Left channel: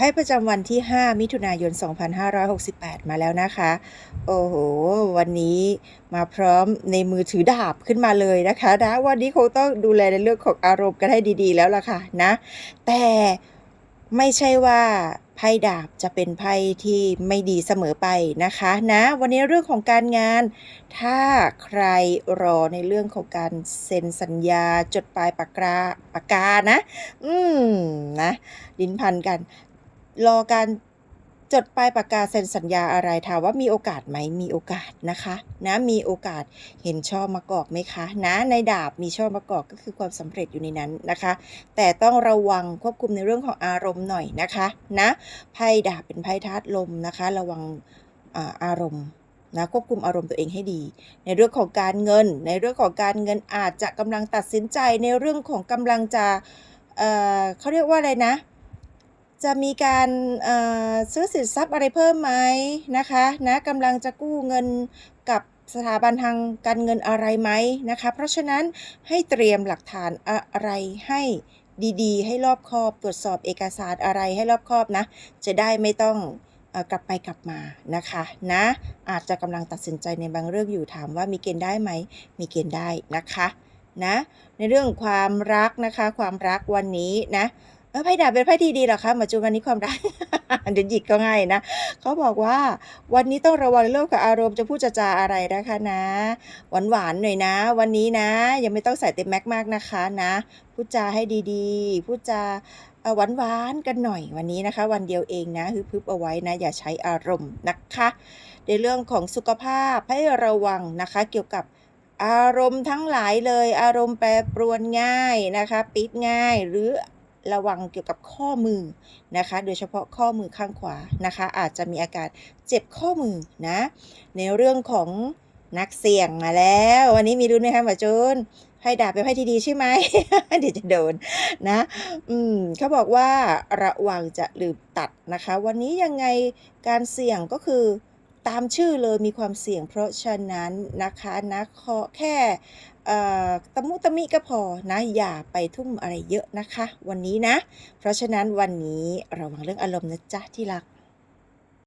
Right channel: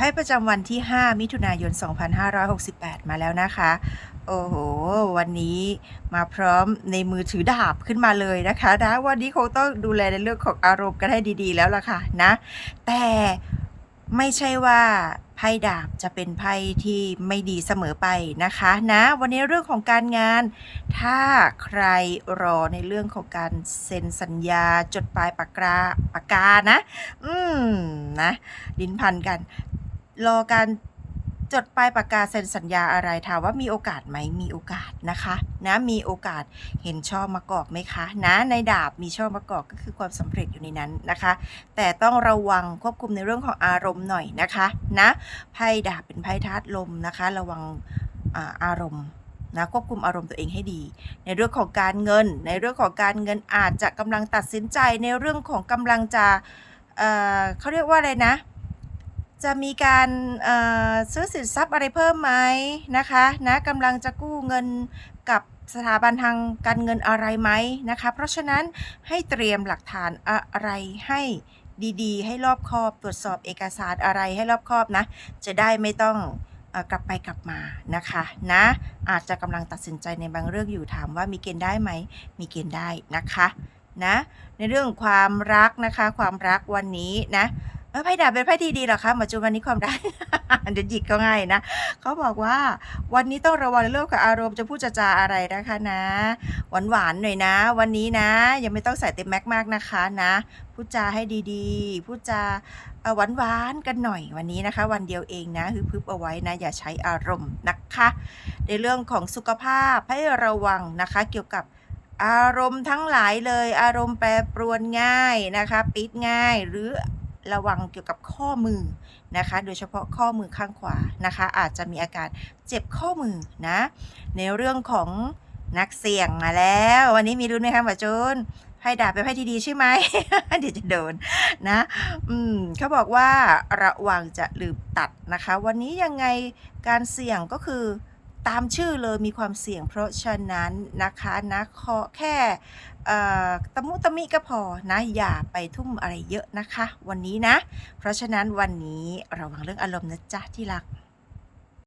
ไพ่ประจำวันที่ 5 มิถุนายน 2568 มาแล้วนะคะ โอ้โห วันนี้มาพร้อมในมือถือดาบขึ้นมาเลยนะคะนะวันนี้คงต้องดูแลในเรื่องของอารมณ์กันให้ดีๆ แล้วล่ะค่ะนะ แต่ไม่ใช่ว่าไพ่ดาบจะเป็นไพ่ที่ไม่ดีเสมอไปนะคะนะวันนี้เรื่องของการงาน ถ้าใครรอในเรื่องของการเซ็นสัญญาจดปลายปากกาปากกานะ อืมนะลิ้นพันกัน รอการจดปลายปากกาเซ็นสัญญาอะไรถามว่ามีโอกาสไหมมีโอกาสนะคะนะมีโอกาสเห็นช่อมะกอกไหมคะนะในดาบมีช่อมะกอกก็คือความสำเร็จอยู่ในนั้นนะคะ แต่ต้องระวังควบคุมในเรื่องของอารมณ์หน่อยนะคะนะไพ่ดาบเป็นไพ่ธาตุลมนะคะ ระวังอารมณ์นะควบคุมอารมณ์ตัวเองให้ดี ในเรื่องของการเงิน ในเรื่องของการเงินอาจจะกำลังตัดสินใจในเรื่องของกำลังจะเเขาเรียกว่าอะไรนะ จะมีการซื้อสินทรัพย์อะไรเพิ่มไหมนะคะนะกำลังจะกู้เงินกับสถาบันทางการเงินอะไรไหมนะคะ เพราะฉะนั้นให้เตรียมหลักฐานอะไรให้ดีๆ ให้รอบคอบตรวจสอบเอกสารอะไรให้รอบคอบนะ จะได้ไม่ต้องกลับไปกลับมานะคะนะอาจจะกำลังตัดสินใจในบางเรื่องอยู่ถามว่ามีเกณฑ์ได้ไหม มีเกณฑ์ได้นะคะนะในเรื่องความรักนะคะความรักวันนี้นะ ไพ่ดาบเป็นไพ่ที่ดีหรอคะหมอจูนวันนี้ความรักเดี๋ยวหยิกก็ง่ายนะเขาบอกว่าวันนี้ต้องระวังเรื่องกับอารมณ์จะพูดจะจาอะไรนะคะนะ หวานหวานๆหน่อยนะ วันนี้นะ ยังไม่ต้องใส่เต็มแม็กมากนะคะนะพูดจาให้ดีๆพูดจาหวานหวานๆกันหน่อยวันนี้นะคะ วันเดียวเองนะฮึบพึบเอาไว้นะ อย่าใช้อารมณ์นะคะ ในเรื่องของสุขภาพให้ระวังนะคะ เกี่ยวกับอารมณ์ทั้งหลายเลย อารมณ์แปรปรวนง่ายนะคะ ปิดง่ายหรือ ระวังเกี่ยวกับข้อมือนะคะ โดยเฉพาะข้อมือข้างขวานะคะ อาจจะมีอาการเจ็บข้อมือนะ ในเรื่องของนักเสี่ยงมาแล้ว วันนี้มีรุ่นไหมคะหมอจูนไพ่ดาบเป็นไพ่ที่ดีใช่ไหม เดี๋ยวจะโดนนะ อืมเขาบอกว่าระวังจะลืมตัดนะคะ วันนี้ยังไงการเสี่ยงก็คือ ตามชื่อเลยมีความเสี่ยง เพราะฉะนั้นนะคะนะขอแค่เอ่ตะมุตะมิก็พอนะอย่าไปทุ่มอะไรเยอะนะคะ วันนี้นะ เพราะฉะนั้นวันนี้ระวังเรื่องอารมณ์นะจ๊ะที่รัก